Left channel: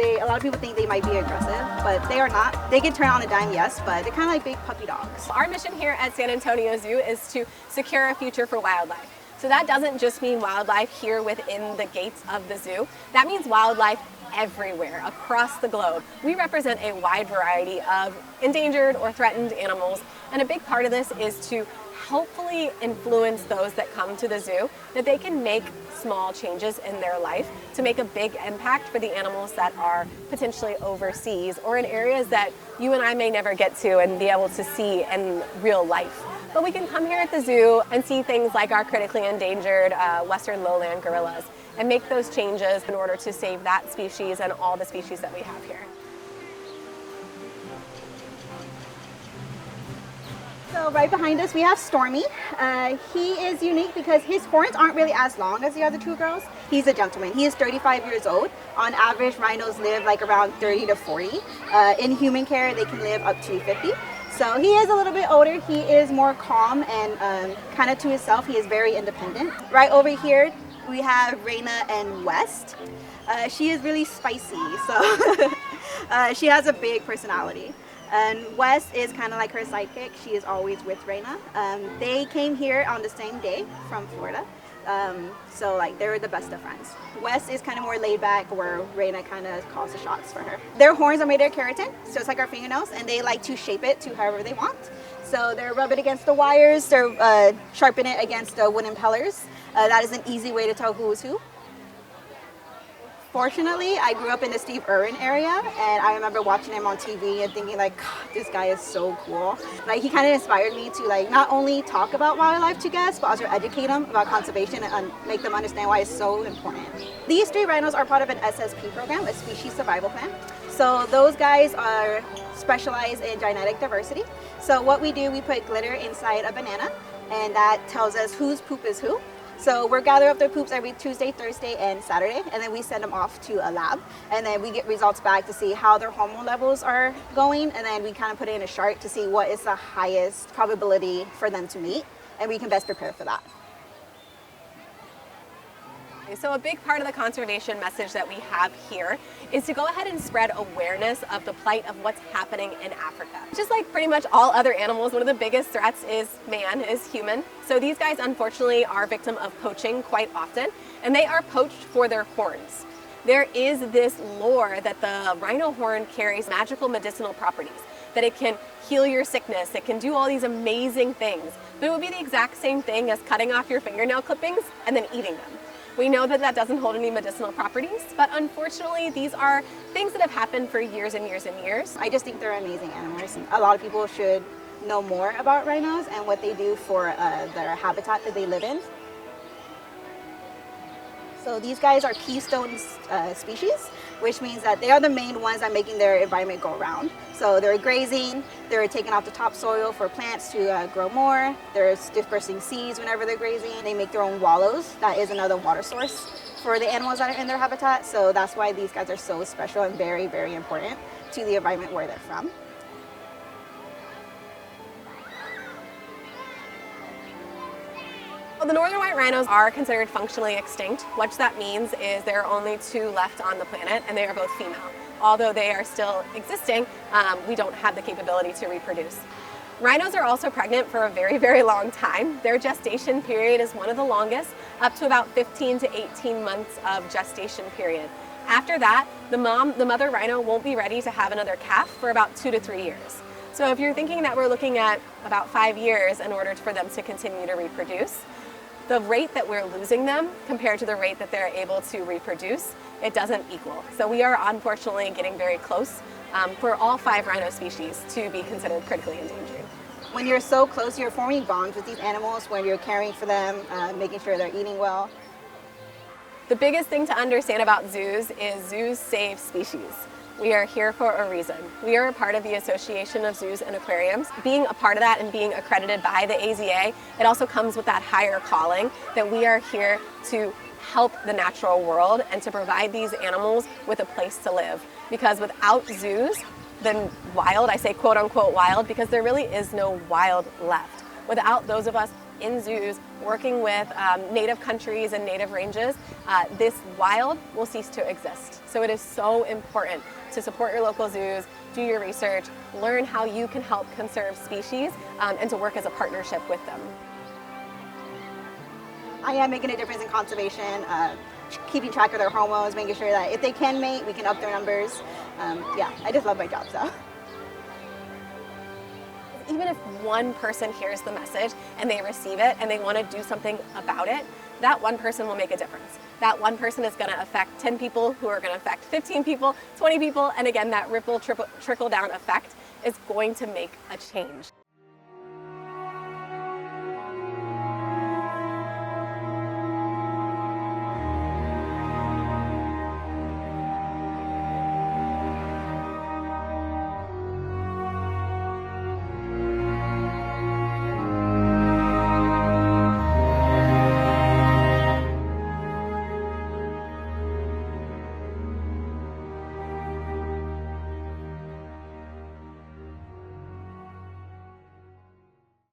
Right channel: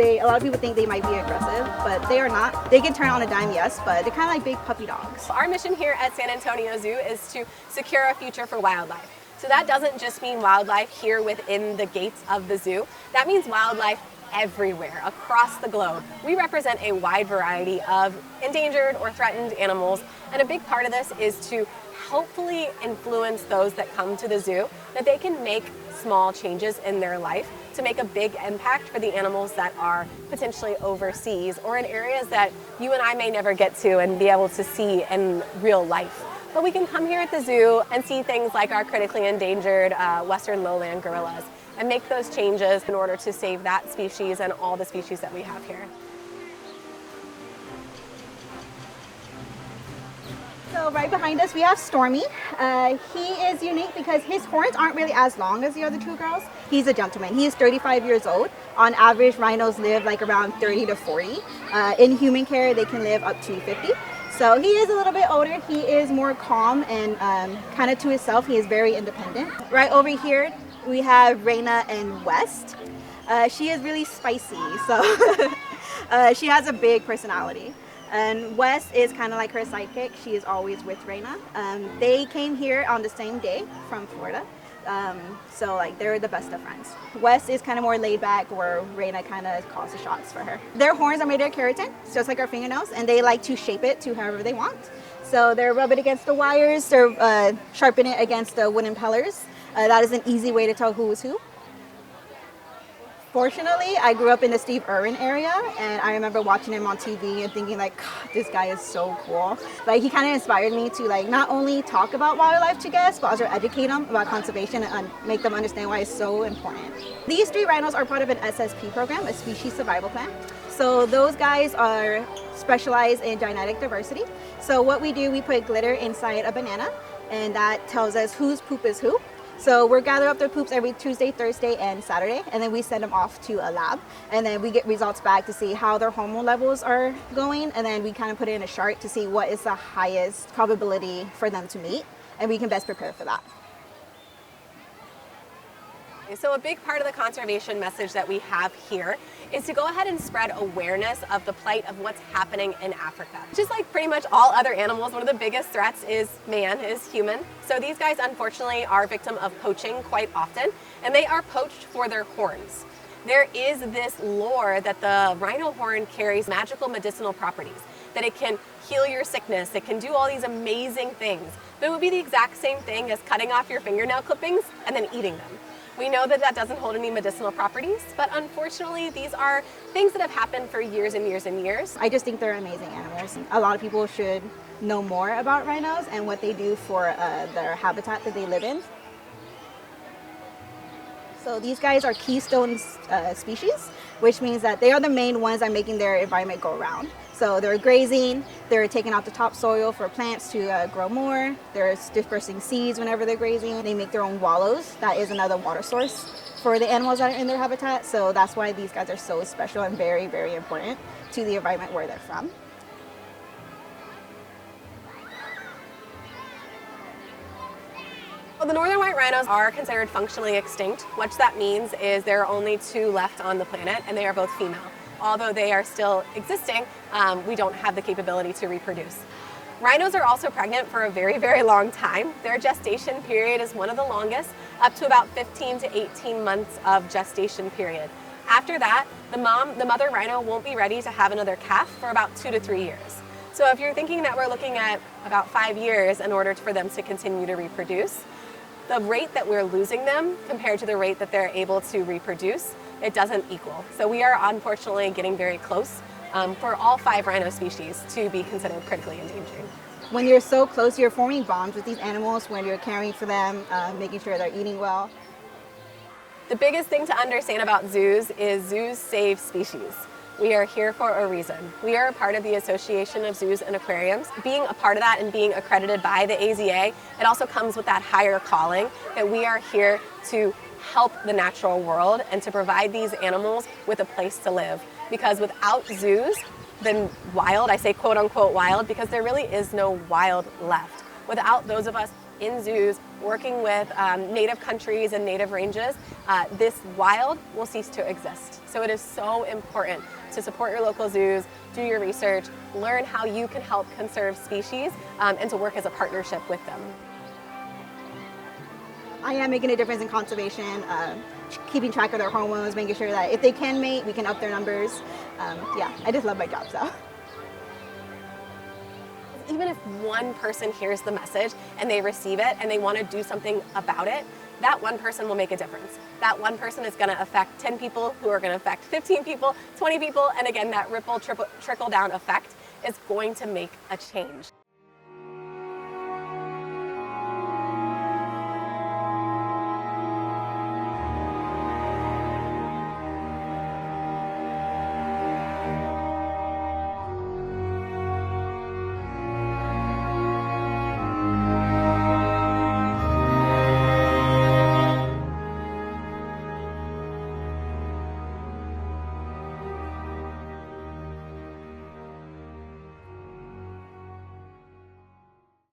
A lot of people think they might be aggressive, but they are not. They can turn on a dime, yes, but they're kind of like big puppy dogs. Our mission here at San Antonio Zoo is to secure a future for wildlife. So that doesn't just mean wildlife here within the gates of the zoo. That means wildlife everywhere across the globe. We represent a wide variety of endangered or threatened animals, and a big part of this is to hopefully influence those that come to the zoo that they can make small changes in their life to make a big impact for the animals that are potentially overseas or in areas that you and I may never get to and be able to see in real life. But we can come here at the zoo and see things like our critically endangered western lowland gorillas and make those changes in order to save that species and all the species that we have here. So right behind us we have Stormy. He is unique because his horns aren't really as long as the other two girls. He's a gentleman. He is 35 years old. On average, rhinos live like around 30 to 40. In human care, they can live up to 50. So he is a little bit older. He is more calm and kind of to himself. He is very independent. Right over here, we have Rhino and West. She is really spicy, so she has a big personality. And West is kind of like her sidekick. She is always with Rhino. They came here on the same day from Florida. So like they were the best of friends. West is kind of more laid back, where Rhino kind of calls the shots for her. Their horns are made of keratin, just like our fingernails, and they like to shape it to however they want. So they're rub it against the wires, they're sharpen it against the wooden pillars. That is an easy way to tell who is who. Fortunately, I grew up in the Steve Irwin area, and I remember watching him on TV and thinking like, God, this guy is so cool. Like he kind of inspired me to like not only talk about wildlife to guests, but also educate them about conservation and make them understand why it's so important. These 3 rhinos are part of an SSP program, a species survival plan. So those guys are specialized in genetic diversity. So what we do, we put glitter inside a banana, and that tells us whose poop is who. So we're gathering up their poops every Tuesday, Thursday, and Saturday, and then we send them off to a lab, and then we get results back to see how their hormone levels are going, and then we kind of put it in a chart to see what is the highest probability for them to mate, and we can best prepare for that. So a big part of the conservation message that we have here is to go ahead and spread awareness of the plight of what's happening in Africa. Just like pretty much all other animals, one of the biggest threats is man, is human. So these guys unfortunately are victim of poaching quite often, and they are poached for their horns. There is this lore that the rhino horn carries magical medicinal properties, that it can heal your sickness, it can do all these amazing things, but it would be the exact same thing as cutting off your fingernail clippings and then eating them. We know that that doesn't hold any medicinal properties, but unfortunately these are things that have happened for years and years and years. I just think they're amazing animals. A lot of people should know more about rhinos and what they do for their habitat that they live in. So these guys are keystone species, which means that they are the main ones that are making their environment go around. So they're grazing, they're taking out the topsoil for plants to grow more, they're dispersing seeds whenever they're grazing. They make their own wallows. That is another water source for the animals that are in their habitat. So that's why these guys are so special and very, very important to the environment where they're from. Well, the northern white rhinos are considered functionally extinct. What that means is there are only 2 left on the planet, and they are both female. Although they are still existing, we don't have the capability to reproduce. Rhinos are also pregnant for a very, very long time. Their gestation period is one of the longest, up to about 15 to 18 months of gestation period. After that, the mother rhino won't be ready to have another calf for about 2 to 3 years. So if you're thinking that we're looking at about 5 years in order for them to continue to reproduce, the rate that we're losing them compared to the rate that they're able to reproduce, it doesn't equal. So we are unfortunately getting very close for all 5 rhino species to be considered critically endangered. When you're so close, you're forming bonds with these animals when you're caring for them, making sure they're eating well. The biggest thing to understand about zoos is zoos save species. We are here for a reason. We are a part of the Association of Zoos and Aquariums. Being a part of that and being accredited by the AZA, it also comes with that higher calling that we are here to help the natural world and to provide these animals with a place to live. Because without zoos, then wild, I say quote unquote wild, because there really is no wild left. Without those of us in zoos, working with native countries and native ranges, this wild will cease to exist. So it is so important to support your local zoos, do your research, learn how you can help conserve species, and to work as a partnership with them. I am making a difference in conservation, keeping track of their hormones, making sure that if they can mate, we can up their numbers. Yeah, I just love my job, so. Even if one person hears the message and they receive it and they want to do something about it, that one person will make a difference. That one person is going to affect 10 people who are going to affect 15 people, 20 people, and again, that ripple, trickle down effect is going to make a change.